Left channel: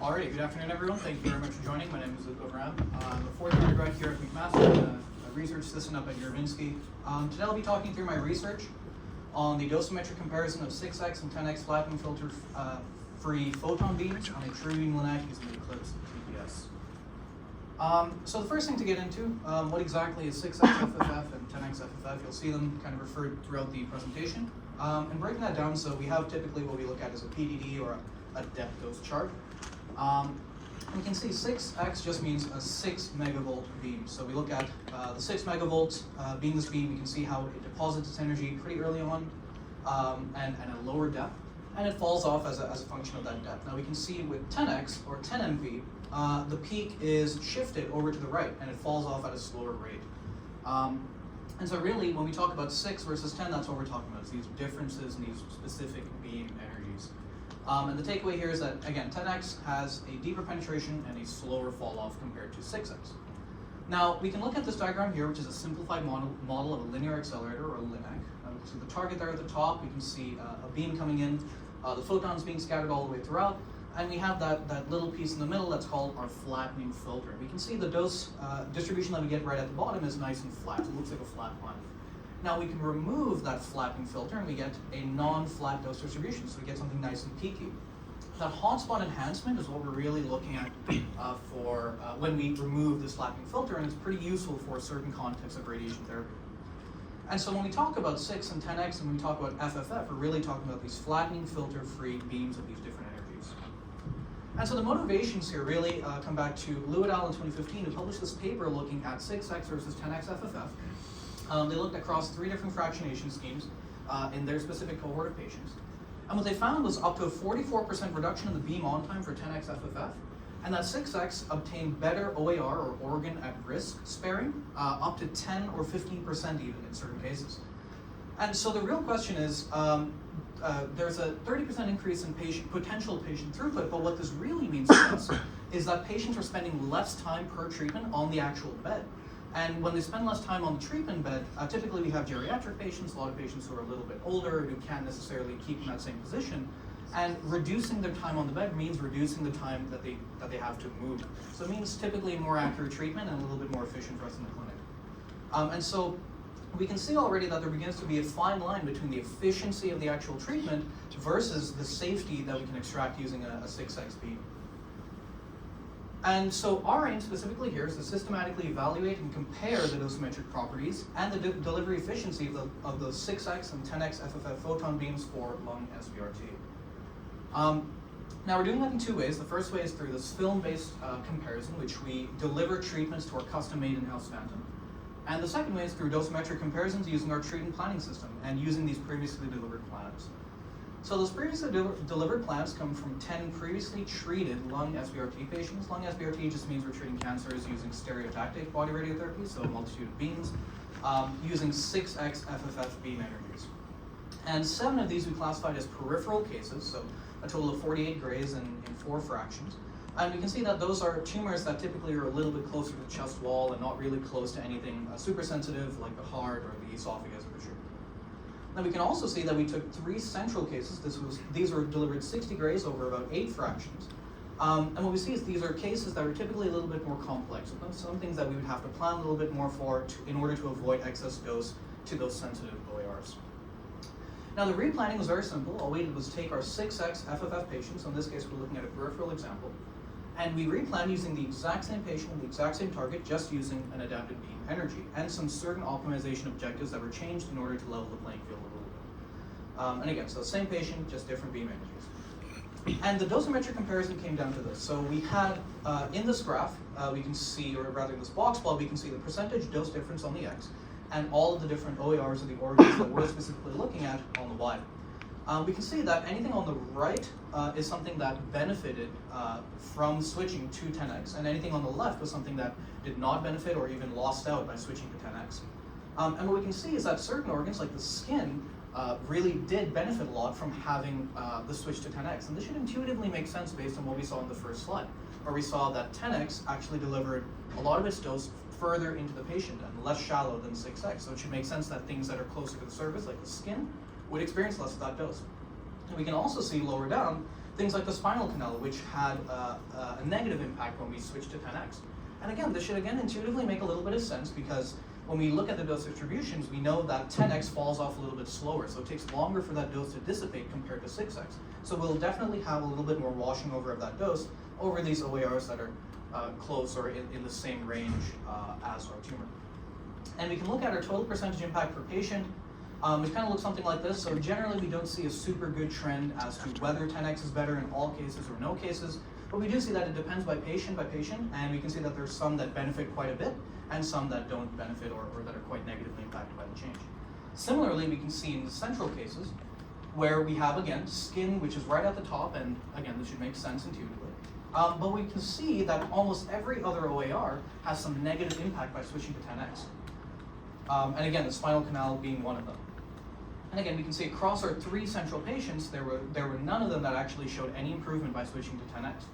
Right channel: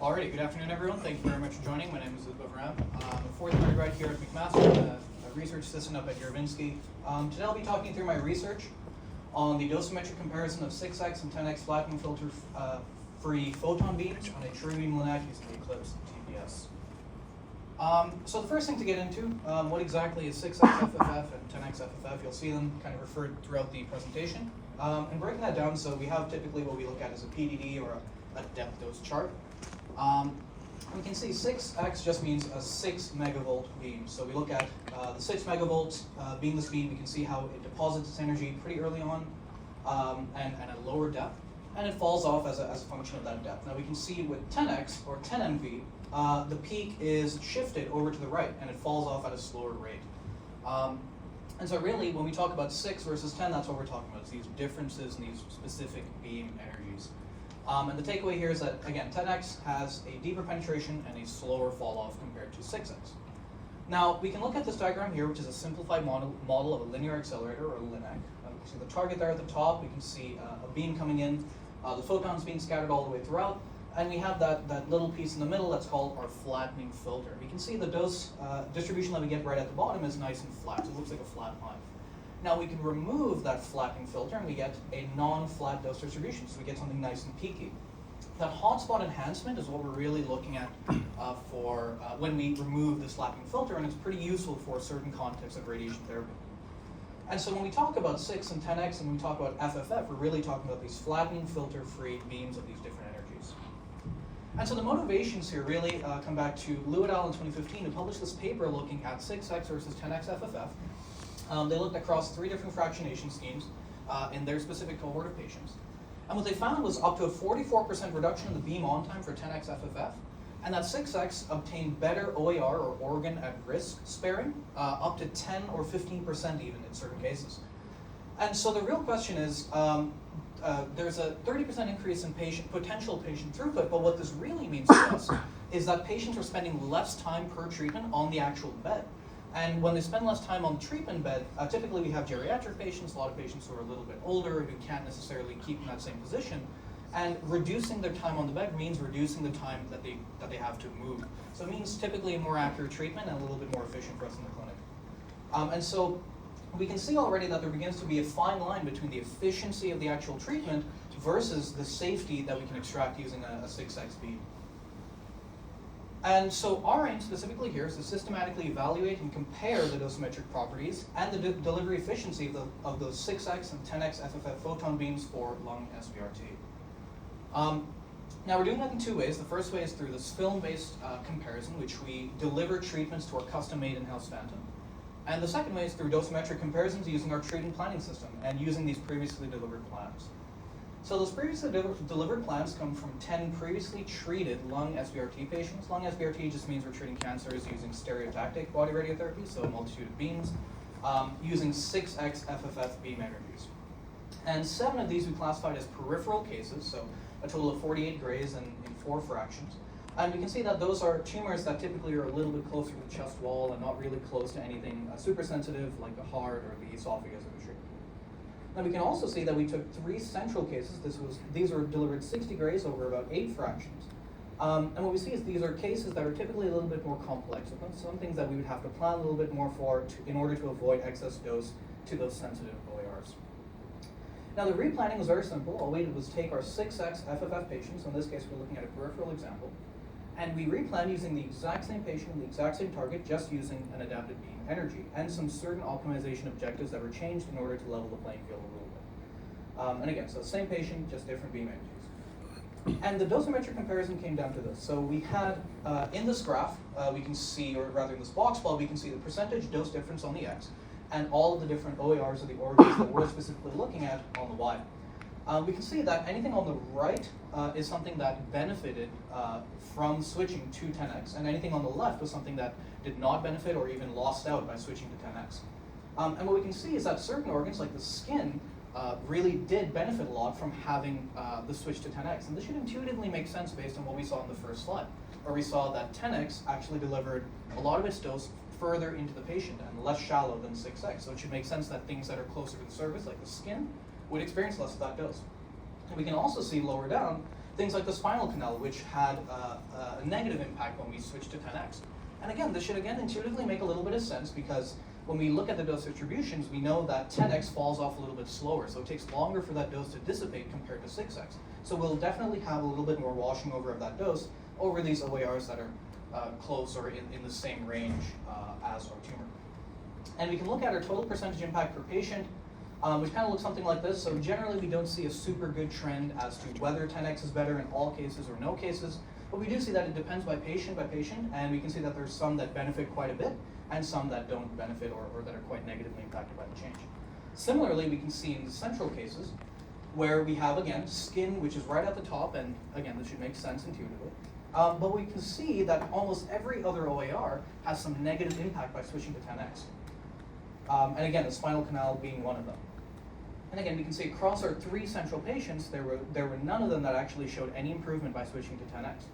Alrighty, good afternoon everyone. Thank you very much for joining. My name is Udbhav. I'm a fourth year grad here at McMaster, a research assistant up at Juravinski. Today I'll be talking through my research on the dosimetric comparison of 6x and 10x flattening filter free photon beams on a true beam linac using the Eclipse TPS. So the first thing to get into, what exactly is 6x FFF and 10x FFF? You'll see them kind of referred throughout the presentation. And breaking that down, so we have typically what we look at as a PDD or a depth dose chart. We can see 6x just means a 6 megavolt beam. So we look at the 6 megavolt beamless beam. We can see how it deposits its energy pretty early on and at a lower depth, and it falls off as a function of that depth. Now we can see with 10x or 10 MV, the peak is shifted over to the right and it falls off at a slower rate. And so really, when we talk about 6 versus 10, that's what we're talking about. It's these differences in these specific beam energies. And the takeaway here is that, again, 10x has a deeper penetration and a slower fall off compared to 6x. Now, we can look at this diagram here, which is a simplified model of a linear accelerator, or a linac. So the target there at the top, we can see a beam coming in, the photons being scattered all the way throughout, and we have that little piece in the middle that's called our flattening filter. We can see the dose distribution that we get right at the bottom is nice and flat. It looks like a flat line. Now we can remove that flattening filter and we get a non-flat dose distribution, so we get something nice and peaky. That hotspot enhancement is what we're really looking at for when we remove this flattening filter, and it's pretty useful for certain contexts of radiation therapy. And so when we talk about 6 and 10x and when we talk about FFF, we're really talking about these flattening filter-free beams of these different energies. And so the motivations here really come back to Lou et al. In 2015, who published this paper looking at 6x versus 10x FFF. They looked across 3 different fractionation schemes in their specific cohort of patients. And what they found was up to a 44% reduction in the beam on time for 10x FFF, and that 6x obtained better OAR, or organ at risk sparing, up to 10 or 15% even in certain cases. And so the real question is, there's a 30% increase in potential patient throughput, but what this really means to us is that patients are spending less time per treatment on the actual bed. And when they spend less time on the treatment bed, typically we have geriatric patients, a lot of patients who are a little bit older, who can't necessarily keep in that same position. And reducing their time on the bed means reducing the time that they have to move. So it means typically more accurate treatment and a little bit more efficient for us in the clinic. And so we can see already that there begins to be a fine line between the efficiency of the actual treatment versus the safety that we can extract using a 6x beam. And so our aim specifically here is to systematically evaluate and compare the dosimetric properties and the delivery efficiency of those 6x and 10x FFF photon beams for lung SBRT. Now we're doing that in 2 ways. The first way is through this film-based comparison, which we deliver treatments to our custom-made in-house phantom. And the second way is through dosimetric comparisons using our treatment planning system and using these previously delivered plans. So those previously delivered plans come from 10 previously treated lung SBRT patients. Lung SBRT just means we're treating cancers using stereotactic body radiotherapy, so a multitude of beams, using 6x FFF beam energies. And 7 of these we classified as peripheral cases, so a total of 48 grays in 4 fractions. And we can see that those are tumors that typically are a little bit closer to the chest wall and not really close to anything super sensitive like the heart or the esophagus or the trachea. Now we can also see that we took 3 central cases. These were delivered 60 grays over about 8 fractions. And what we see is these are cases that are typically a little bit more complex. So some things that we would have to plan a little bit more for in order to avoid excess dose to those sensitive OARs. Now the replanning was very simple. All we did was take our 6x FFF patients, so in this case we're looking at a peripheral example, and we replanned using the exact same patient and the exact same target, just using an adapted beam energy and some certain optimization objectives that were changed in order to level the playing field a little bit. And again, so same patient, just different beam energies. And the dosimetric comparison came down to this. So we had, in this graph, we can see, or rather this box plot, we can see the percentage dose difference on the x and all of the different OARs of the organs that we're specifically looking at on the y. We can see that anything on the right is something that benefited from switching to 10x, and anything on the left was something that did not benefit or even lost out by switching to 10x. And what we can see is that certain organs, like the skin, really did benefit a lot from having the switch to 10x. And this should intuitively make sense based on what we saw in the first slide, where we saw that 10x actually delivered a lot of its dose further into the patient and less shallow than 6x. So it should make sense that things that are closer to the surface, like the skin, would experience less of that dose. And we can also see lower down things like the spinal canal, which had a negative impact when we switched to 10x. And again, this should again intuitively make a little bit of sense, because when we look at the dose distributions, we know that 10x falls off a little bit slower, so it takes longer for that dose to dissipate compared to 6x. So we'll definitely have a little bit more washing over of that dose over these OARs that are close or in the same range as our tumor. And we can look at our total percentage impact per patient, which kind of looks something like this. So generally we don't see a super good trend as to whether 10x is better in all cases or no cases, but we do see that it depends by patient, and we can see that there's some that benefit quite a bit and some that don't benefit or that are quite negatively impacted by the change. Similarly, we can see in the central cases where we have, again, skin, which is right at the top, and again, this should make sense intuitively. But we can see that almost every other OAR has some negative impact by switching to 10x. And again, the spinal canal being one of them. And again, we can see across our 3 central patients, there were none of them that actually showed any improvement by switching to 10x.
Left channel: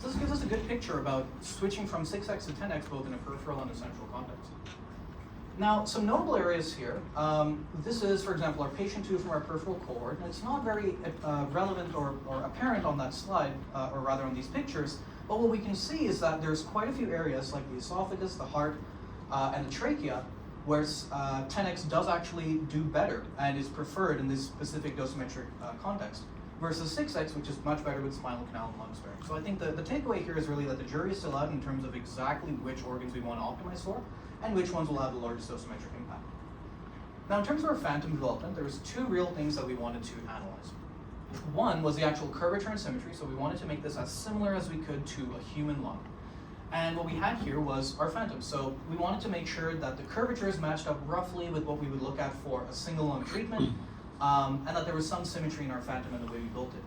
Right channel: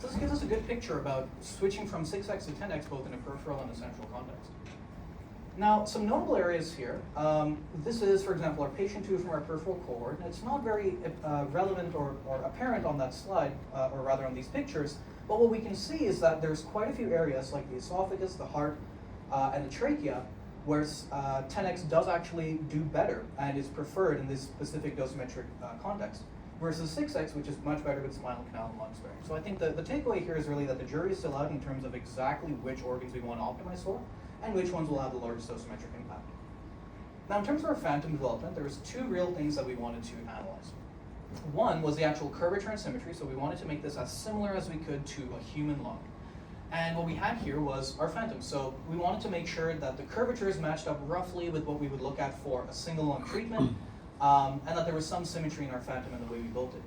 So this gives us a good picture about switching from 6x to 10x, both in a peripheral and a central context. Now, some notable areas here. This is, for example, our patient 2 from our peripheral cohort. And it's not very relevant or apparent on that slide, or rather on these pictures. But what we can see is that there's quite a few areas, like the esophagus, the heart, and the trachea, where 10x does actually do better and is preferred in this specific dosimetric context, versus 6x, which is much better with spinal canal and lung sparing. So I think the takeaway here is really that the jury is still out in terms of exactly which organs we want to optimize for, and which ones will have the largest dosimetric impact. Now, in terms of our phantom development, there was 2 real things that we wanted to analyze. One was the actual curvature and symmetry, so we wanted to make this as similar as we could to a human lung. And what we had here was our phantom. So we wanted to make sure that the curvatures matched up roughly with what we would look at for a single lung treatment, and that there was some symmetry in our phantom in the way we built it.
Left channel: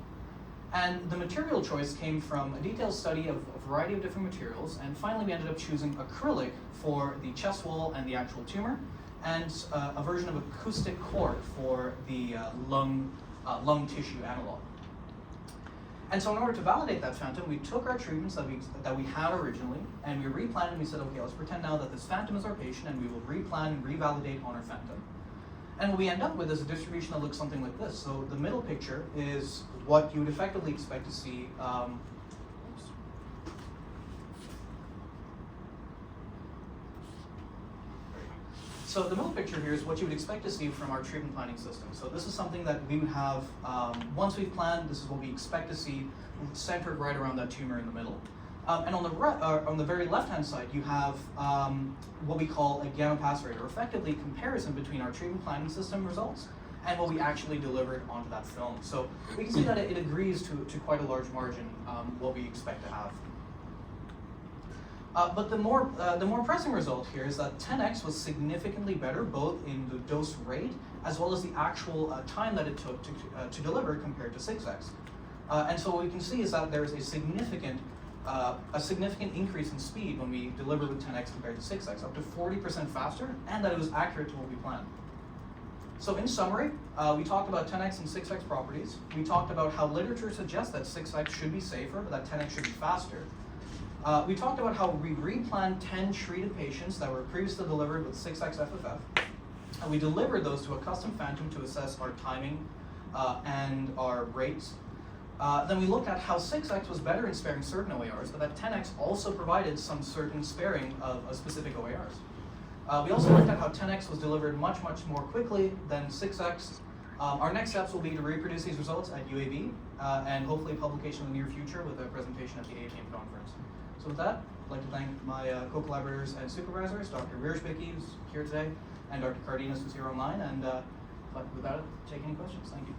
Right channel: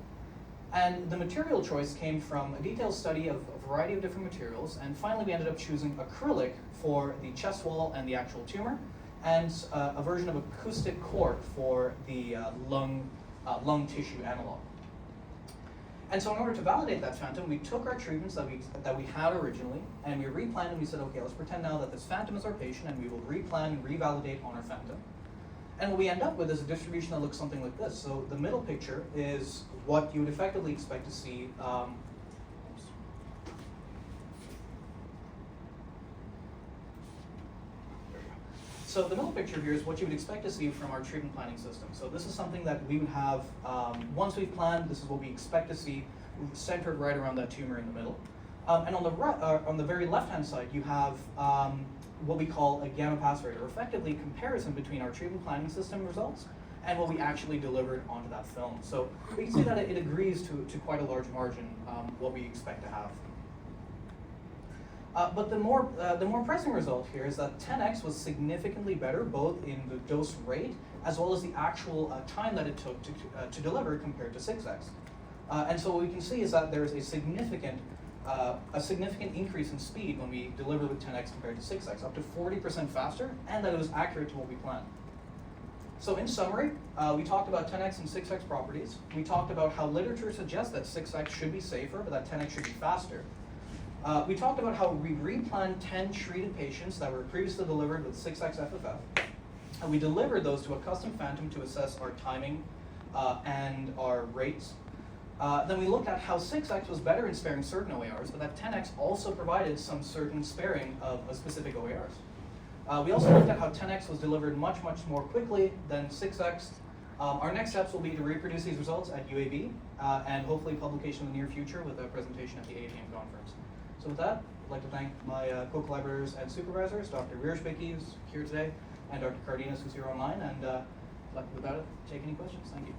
And the material choice came from a detailed study of a variety of different materials, and finally we ended up choosing acrylic for the chest wall and the actual tumor, and a version of acoustic core for the lung tissue analog. And so in order to validate that phantom, we took our treatments that we had originally, and we replanned, and we said, okay, let's pretend now that this phantom is our patient, and we will replan and revalidate on our phantom. And what we end up with is a distribution that looks something like this. So the middle picture is what you would effectively expect to see. So the middle picture here is what you would expect to see from our treatment planning system. So this is something that we would have, once we've planned, this is what we expect to see centered right around that tumor in the middle. And on the very left-hand side, you have what we call a gamma pass rate, or effectively comparison between our treatment planning system results and what we actually delivered onto that film. So we can see that it agrees to quite a large margin what we expect to have. But the more pressing result here is that 10x was significantly better, both in the dose rate as well as the actual time that it took to deliver compared to 6x. And so what we can see is that there is a significant increase in speed when we deliver with 10x compared to 6x, up to 40% faster, and that it was accurate to what we planned. So in summary, we talked about 10x and 6x properties. We talked about how literature suggests that 6x should be safer, but that 10x should be faster. We talked about how we replanned 10 treated patients that were previously delivered with 6x FFF, and we delivered those to a custom phantom to assess our timing and our rates. Then we looked at how 6x was better in sparing certain OARs, but that 10x also provided some certain sparing of specific OARs. We also looked at how 10x was delivered much more quickly than 6x. Our next steps will be to reproduce these results at UAB, and hopefully publication in the near future with a presentation at the APM conference. So with that, I'd like to thank my co-collaborators and supervisors, Dr. Wierzbicki, who's here today, and Dr. Cardenas, who's here online, and with that, take any questions. Thank you.